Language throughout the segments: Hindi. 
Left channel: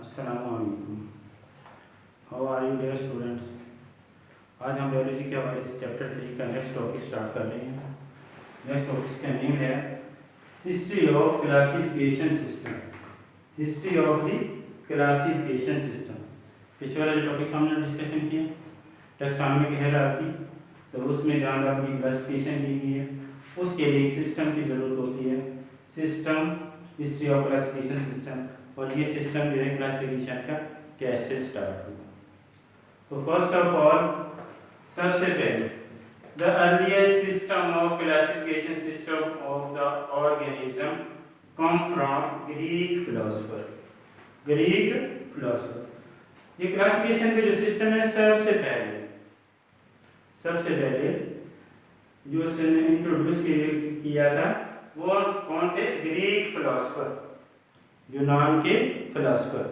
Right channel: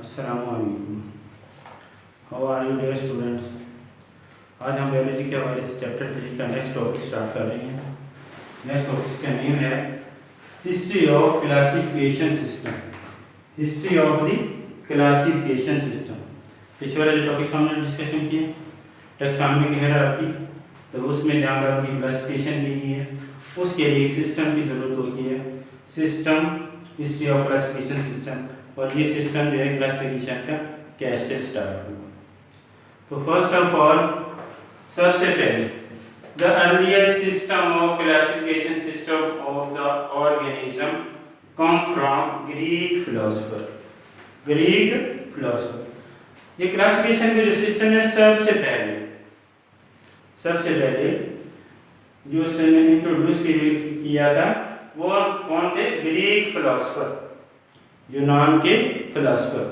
अस्सलामुअलैकुम। How are you dear students. आज हम बायोलॉजी के हवाले से चैप्टर 3 का नेक्स्ट टॉपिक स्टार्ट कर रहे हैं। नेक्स्ट टॉपिक का नेम है history of classification system. History of the classification system. पिछले वाले जो टॉपिक्स हमने डिस्कशन किए टैक्सोनॉमी की हायरार्की, तो उसमें जहाँ पर की क्लासिफिकेशन की गई है उसके लिए सिस्टम की ज़रूरत होती है। System, history of classification system, और ये सिस्टम जो है क्लासिफिकेशन का कैसे स्टार्ट हुआ। तो फर्स्ट ऑफ ऑल सबसे पहले the earliest system of classification system of the organism come from Greek philosopher. Greek philosopher ये क्लासिफिकेशन के जो सिस्टम है सबसे पहले जो उसने इंट्रोड्यूस किया था वो कौन थे? ग्रीक फिलोसोफर, यूनान के फिलोसोफर।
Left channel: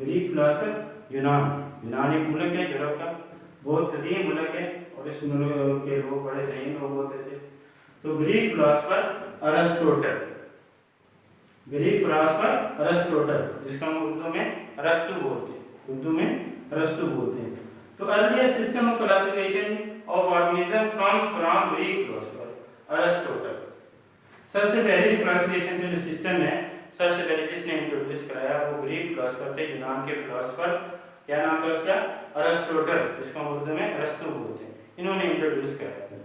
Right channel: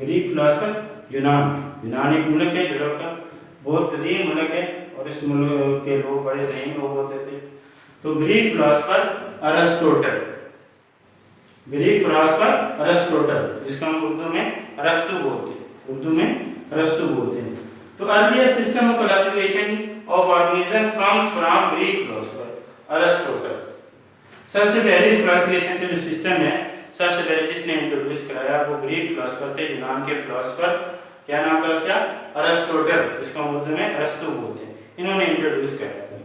ग्रीक फिलोसोफर यूनान एक मुल्क है, यूरोप का बहुत कदीम मुल्क है और इस मुल्क के लोग बड़े ज़हीन लोग होते थे। तो Greek philosopher Aristotle, Greek philosopher Aristotle, जिसको हम उर्दू में अरस्तु बोलते हैं। तो earliest system of classification of organism comes from Greek philosopher Aristotle. सबसे पहले क्लासिफिकेशन का जो सिस्टम है सबसे पहले जिसने इंट्रोड्यूस कराया वो ग्रीक फिलोसोफर थे, यूनान के फिलोसोफर। क्या नाम था उसका? अरिस्टोटल, जिसको हम उर्दू में अरस्तु बोलते हैं। इन्होंने इंट्रोड्यूस कराया था।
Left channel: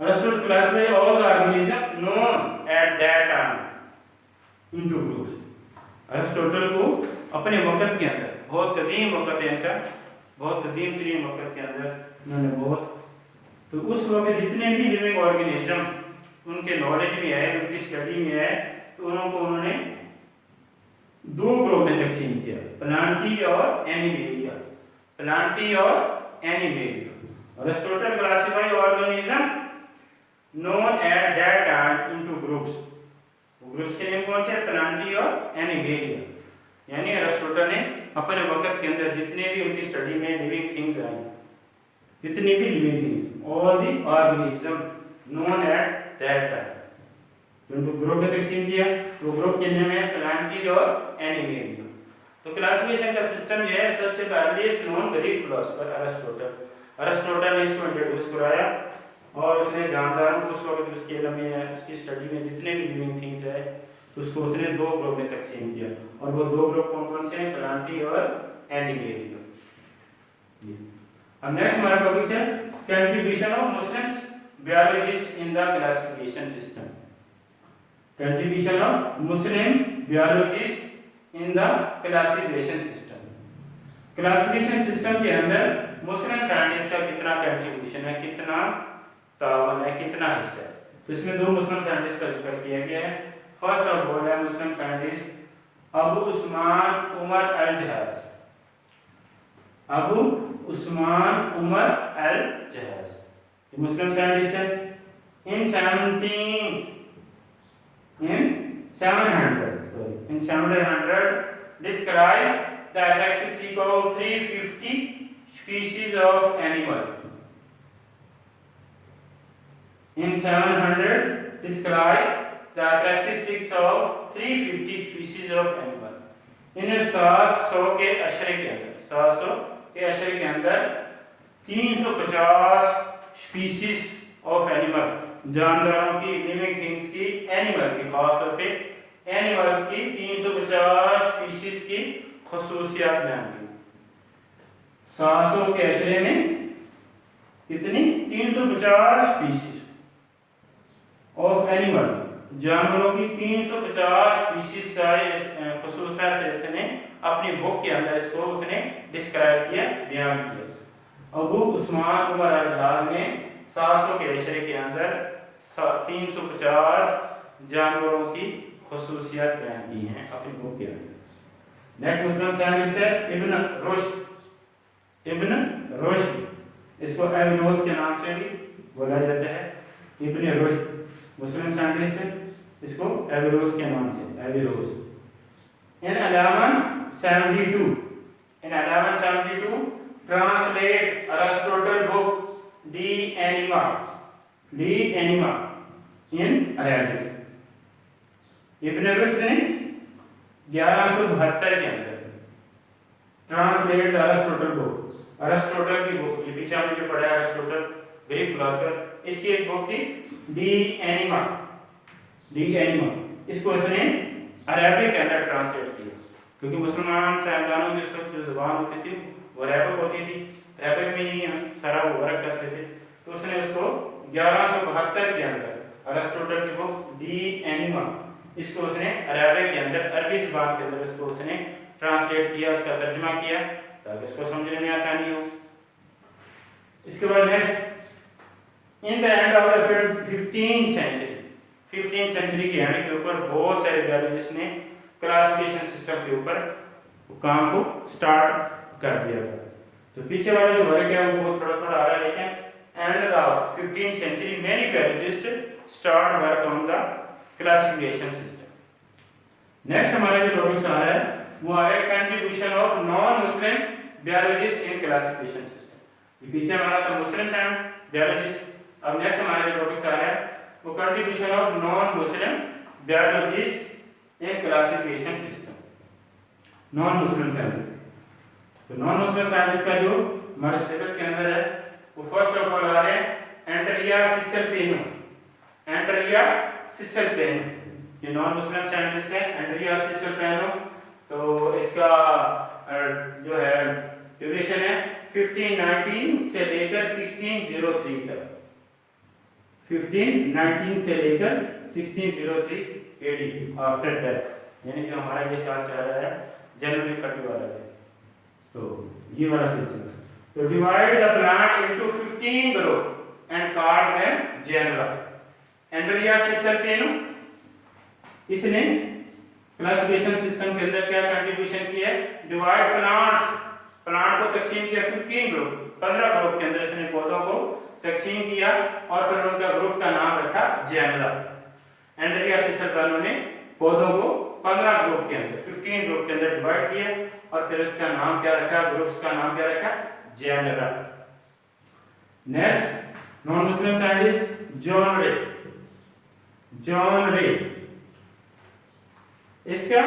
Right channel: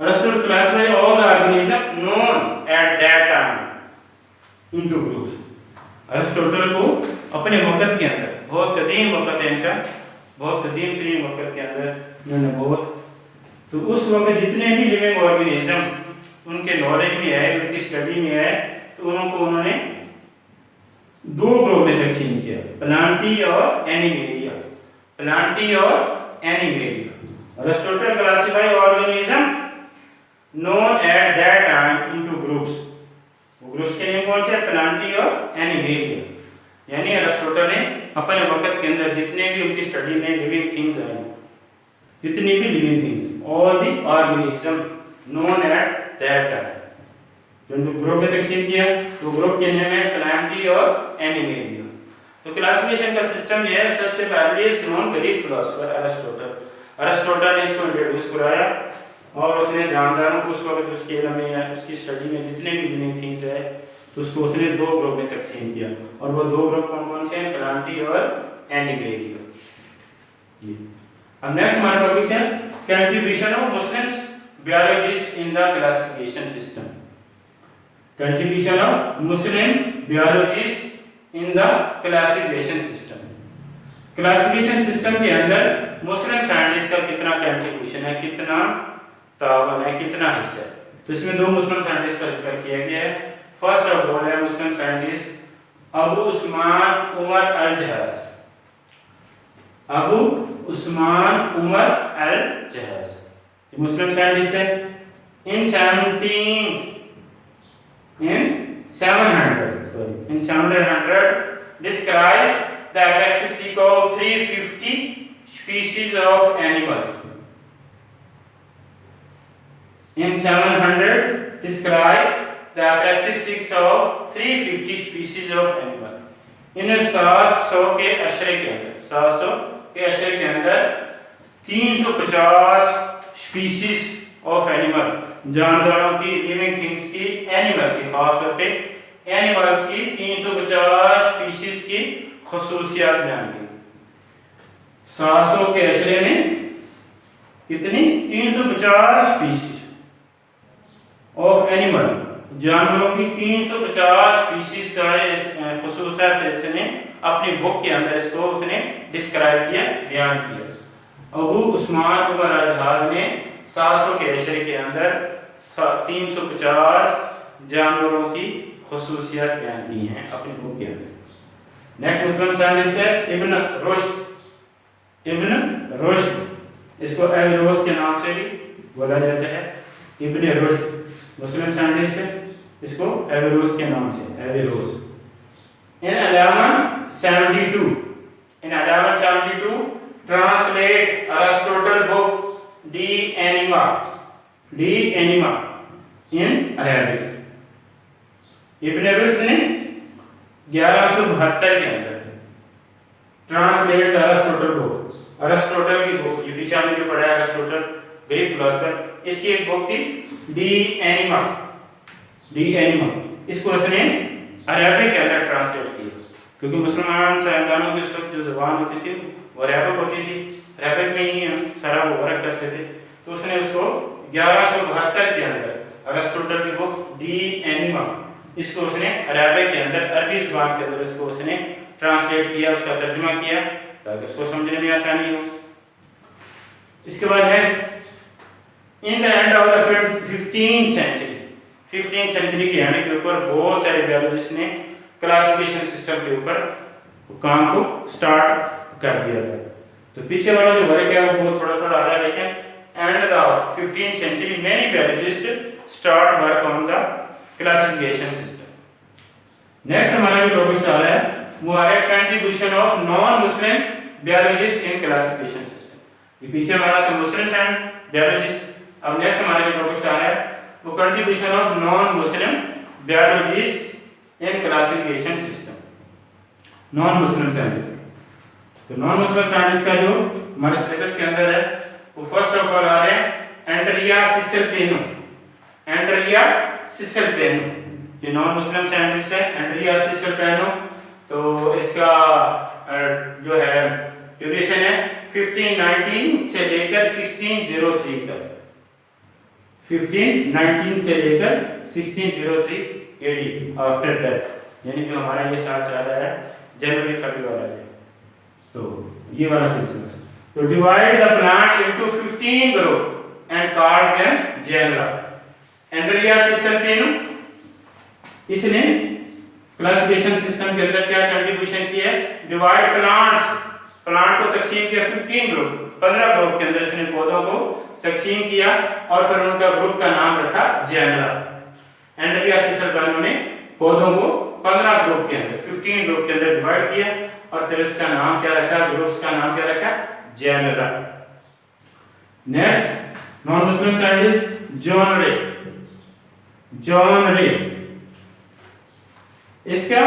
Aristotle classified all the organism known at that time into groups. Aristotle को अपने वक्त के अंदर, बहुत कदीम वक्त है इनका, बहुत कदीम तरीन वक्त के अंदर इन्होंने तो उस वक्त जितने भी लिविंग ऑर्गेनिज्म उनके नॉलेज में आए, उनकी स्टडी में आए, तो उन्होंने दो ग्रुप में तकसीम किया, प्लांटी और animalia. Aristotle classify organism known at that time into groups. वो ग्रुप्स के नेम कौन से? प्लांटी और एनिमेलिया। यानी अरिस्टोटल ने अपने वक्त के अंदर जितने भी उनकी स्टडी में लिविंग थिंग्स आई, जितनी भी living things, all the organism known at that time, जो ग्रुप में तकसीम किया तो ग्रुप के नेम है प्लांटी और एनिमेलिया। तो क्लासिफिकेशन का सिस्टम ये है। सबसे पहले नॉन ग्रीक फिलोसोफर अरिस्टोटल ने इसको इंट्रोड्यूस कराया और उसने जानदारों को उस वक्त उसके इल्म में या उसकी स्टडी में जितने भी लिविंग थिंग्स है तो उसको उसने दो ग्रुप में तकसीम किया, और वो दो ग्रुप कौन से हैं? प्लांटी और एनिमेलिया। अब नेक्स्ट हमारा टॉपिक है contribution of Muslims biologists in the classification system. Contribution of Muslim biologists in the classification system. Classification system के अंदर मुस्लिम साइंटिस्ट का कितना कंट्रीब्यूशन है, कितना तावन है, कितना हिस्सा है। तो इसमें दो मुस्लिम साइंटिस्ट का जिक्र किया गया है। फर्स्ट ऑफ ऑल है मुस्लिम साइंटिस्ट अबू उस्मान उमर अल जहाज। अबू उस्मान उमर अल जहाज मुस्लिम साइंटिस्ट है। in 700 describe the characteristic of 350 species of animals. In 700 describe the characteristics of 350 species of animals. इन 700 के अशरे के अंदर 350 स्पीसीज ऑफ एनिमल, जानदारों की, लिविंग थिंग्स की, एनिमल की, खास तौर पे एनिमल्स की 350 स्पीसीज की खुसूसियात बयान की। 700 के अशरे में कितनी? 350 स्पीसीज ऑफ एनिमल, जानवरों की 350 स्पीसीज का खुसूसियात इसने अपनी बुक के अंदर इसको उसने डिस्क्राइब किया, बयान किया। अबू उस्मान उमर अल जहाज ने 700 के अशरे के अंदर 350 जानवरों की खुसूसियात बयान की हैं अपनी बुक के अंदर। नेक्स्ट मुस्लिम साइंटिस्ट है इब्न रुश्द, इसको एविरोस के नाम से भी बोला जाता है। इब्न रुश्द मुस्लिम साइंटिस्ट है, इसको एविरोस के नाम से, एविरोस। इन 1172 translate Aristotle book De Anima in Arabic। इब्न रुश्द ने 1172 के अंदर translate the Aristotle book, Aristotle की बुक, ये पीछे हमने जो पढ़ा है अरिस्टोटल ग्रीक फिलोसोफर, इसकी एक बुक थी डी एनिमा, डी एनिमा, इसको उसने अरबिक के अंदर ट्रांसलेट किया, क्योंकि मुसलमान साइंसदानों की उस वक्त जो जुबान होती थी वो अरबिक होती थी, अरबिक में ही हम सारा वो वर्क करते थे, तो उसने उसको 1172 के अंदर अरिस्टोटल की बुक डी एनिमा, इसको उसने अरबिक के अंदर, अरबी जुबान के अंदर इसको उसने ट्रांसलेट किया, उसका तर्जुमा किया ताकि उसको समझने में आसानी हो। इसके बाद next, in the end of the 15th century, 15th century के एंड के ऊपर बहुत सारे बायोलॉजिस्ट ने क्लासिफिकेशन सिस्टम के ऊपर काम को स्टार्ट कर दिया था। तो पीछे वाला जो वर्क है वो बहुत थोड़ा थोड़ा आ रहा है, लेकिन end the 15th century many biologists start work on the classification system. Next हमारा जो टॉपिक आ रहा है वो आ रहा है contribution of non Muslim biologist in classification system. ये पीछे हमारा था मुस्लिम एंड बायोलॉजिस्ट, अब नेक्स्ट हमारा जो टॉपिक आ रहा है वो contribution of non Muslim biologist in classification system, non Muslim scientist. तो नॉन मुस्लिम साइंटिस्ट का जो हमारे सिलेबस के अंदर है वो फर्स्ट ऑफ ऑल आ रहे हैं एंड्रिया सिसेल्पेनो, एंड्रिया सिसेल्पेनो, ये नॉन मुस्लिम साइंटिस्ट है एंड्रिया सिसेल्पेनो। तो इसका जो है ड्यूरेशन है 1519 से लेकर 1603 तक, 1519 से लेकर 1603 एडी आफ्टर डेथ, यानी कि हमारा ये साल चल रहा है जनवरी फरवरी वाला है, तो ये वाला सिलसिला। तो divide the plant into 15 group and call them genera. Andrea Cesalpino इसने क्लासिफिकेशन सिस्टम के अंदर क्या कंट्रीब्यूशन किया है, डिवाइड प्लांट्स, प्लांट को तकसीम किया 15 ग्रुप, 15 ग्रुप के अंदर इसने पौधों को तकसीम किया और फिर उनका ग्रुप का नाम रखा जेनरा। एंड्रिया सिसेल्पेनो ने पौधों को 15 ग्रुप के अंदर, 15 ग्रुप के अंदर डिवाइड किया और फिर इसका नाम क्या रखा, ग्रुप्स का नाम क्या रखा, genera. Next non Muslim scientist John Ray, John Ray, इसका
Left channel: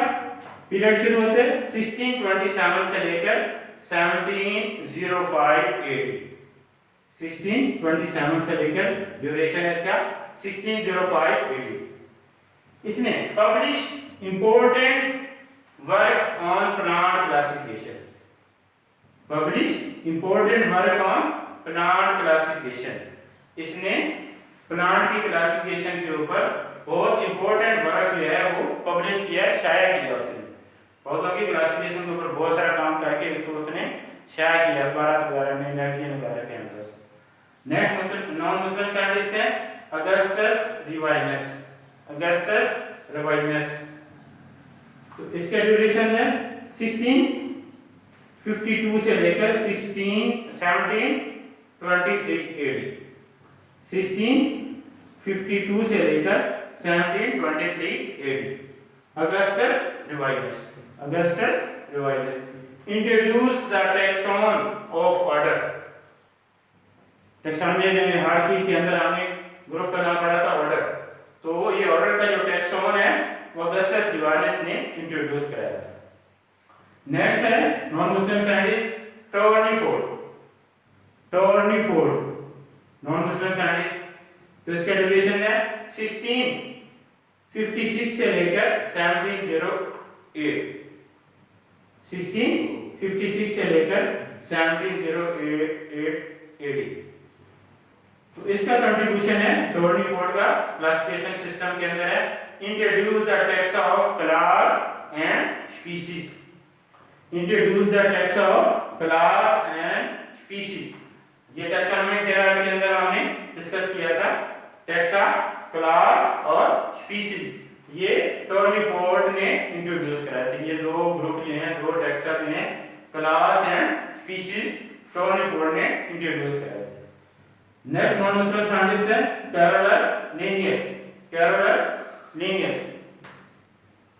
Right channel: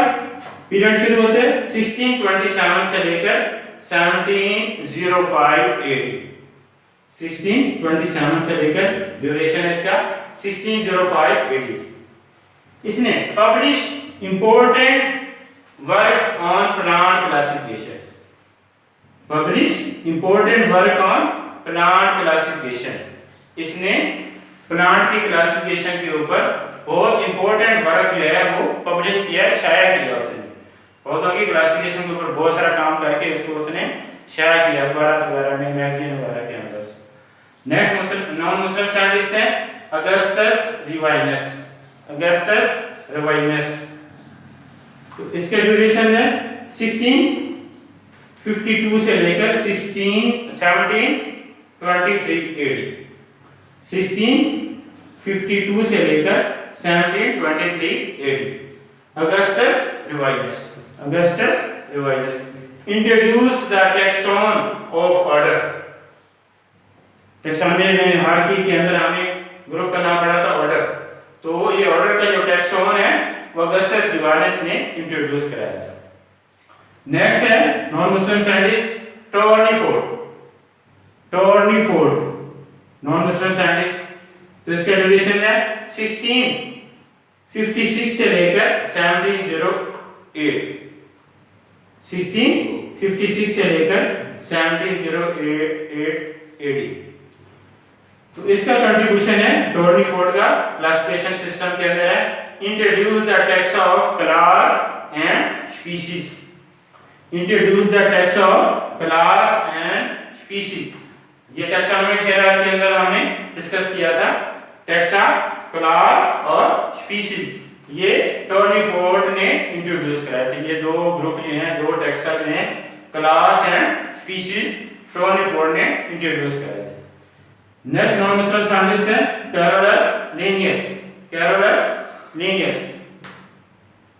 पीरियड शुरू होते 1627 से लेकर 1705 एडी, 1627 से लेकर ड्यूरेशन इसका 1605 एडी। इसने publish important work on plant classification, publish important work on plant classification, इसने प्लांट की क्लासिफिकेशन के ऊपर बहुत इंपॉर्टेंट वर्क जो है वो पब्लिश किया, शाया किया उसने, पौधों की क्लासिफिकेशन के ऊपर बहुत सारा काम करके उसको उसने शाया किया अखबार वगैरह में, मैगजीन वगैरह के अंदर। नेक्स्ट नॉन मुस्लिम साइंटिस्ट है अगस्टस रिवाइनस, अगस्टस रिवाइनस। तो इसका ड्यूरेशन है 1652 से लेकर 1723 एडी, 1652 से लेकर 1723 AD. Augustus Rivinus, Augustus Rivinus introduced the taxon of order, taxonomy में हायरार्की के अंदर हमने ग्रुप का नाम पढ़ा था ऑर्डर, तो ये ऑर्डर का जो टैक्सोन है वो अगस्टस रिवाइनस ने इंट्रोड्यूस कराया था। नेक्स्ट है non Muslim scientist Tournefort, Tournefort non Muslim scientist. तो इसका ड्यूरेशन है 1656 से लेकर 1708, 1656 से लेकर 1708 एडी। तो इसका कंट्रीब्यूशन है टोर्नीफोर्ड का क्लासिफिकेशन सिस्टम के अंदर है introduce the taxa of class and species, introduce the taxa of class and species. ये टैक्सोनॉमी के अंदर हमने डिस्कस किया था टैक्सा, क्लास और स्पीशीज, ये टोर्नीफोर्ड ने इंट्रोड्यूस कराए थे। ये दो ग्रुप जो हैं, दो टैक्सा जो हैं क्लास एंड स्पीशीज, टोर्नीफोर्ड ने इंट्रोड्यूस कराए थे। नेक्स्ट नॉन मुस्लिम साइंटिस्ट है कैरोलस लिनियस, कैरोलस लिनियस।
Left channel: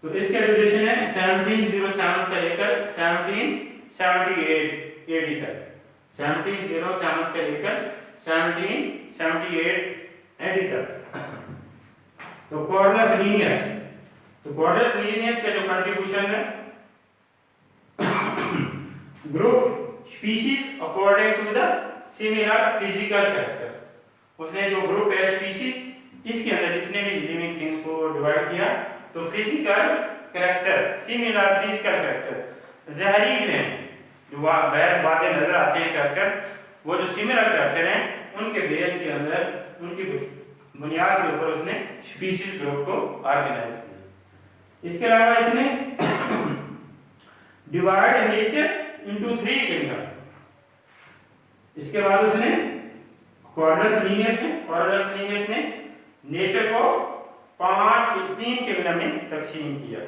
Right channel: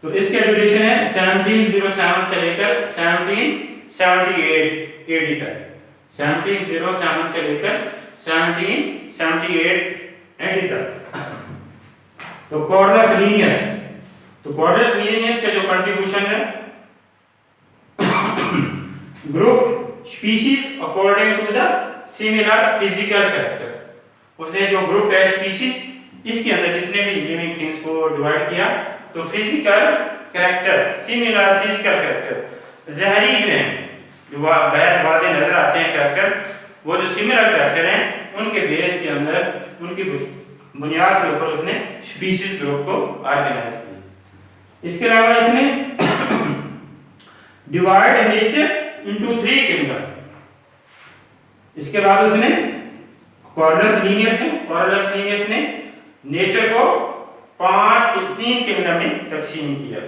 तो इसका ड्यूरेशन है 1707 से लेकर 1778 एडी तक, 1707 से लेकर 1778 एडी तक। तो कॉर्डस लीनियस, तो कॉर्डस लीनियस का जो कंट्रीब्यूशन है group species according to the similar physical character. उसने जो ग्रुप है स्पीशीज, इसके अंदर जितने भी लिविंग थिंग्स को डिवाइड किया तो physical character, similar physical character, ज़ाहिरी हैं जो बाहर वाज़े नजर आते हैं कैरेक्टर, वो जो सिमिलर कैरेक्टर हैं उनके बेस के अंदर, उनकी बुनियाद के ऊपर उसने स्पीशीज ग्रुप को ऑर्गेनाइज किया। इसके अलावा इसने डिवाइड नेचर इनटू 3 किंगडम। इसके बाद उसने कॉर्डस लीनियस ने नेचर को 3 किंगडम में तकसीम किया।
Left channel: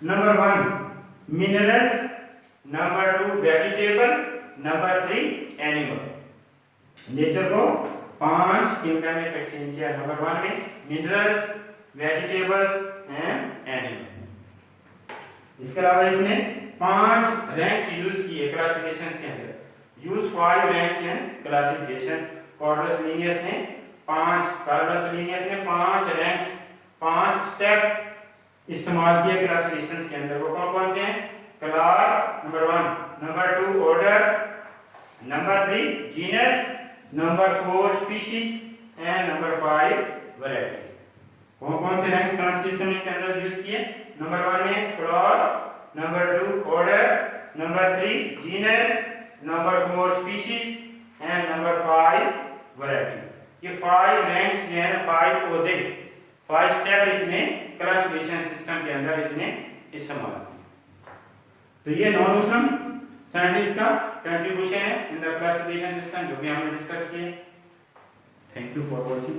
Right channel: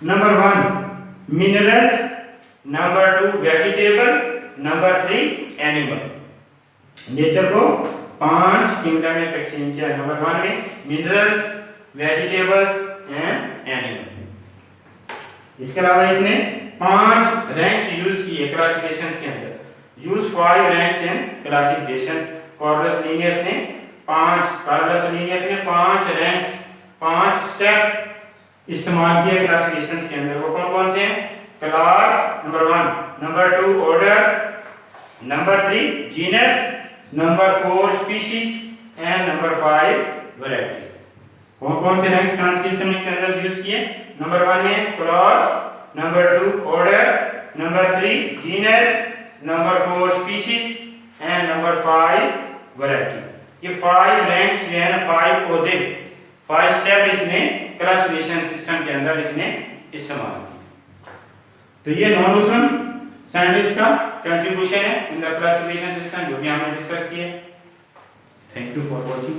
Number 1 minerals, number 2 vegetable, number 3 animal. Nature को 5 किंगडम में तकसीम किया। नंबर 1 में मिनरल्स, वेजिटेबल्स एंड एनिमल। इसके अलावा इसने 5 रैंक्स यूज किए क्लासिफिकेशन के अंदर। Use 5 ranks in classification. Cords Linnaeus ने 5 रैंक्स, 5 स्टेप इस्तेमाल किए क्लासिफिकेशन के अंदर। वो कौन कौन से हैं? Class number 1, number 2 order, number 3 genus, number 4 species and number 5 variety. कौन कौन से रैंक्स क्लासिफिकेशन के अंदर यूज किए? नंबर 1 में class, number 2 order, number 3 genus, number 4 species and number 5 variety. ये 5 रैंक्स यानी 5 पौधे, 5 स्टेप इसने क्लासिफिकेशन सिस्टम के अंदर इसने इस्तेमाल किया। तो ये नॉन ओशन साइंटिस्ट का कंट्रीब्यूशन है इन द क्लासिफिकेशन सिस्टम, जो भी हमने डिस्कस किए। Thank you for watching.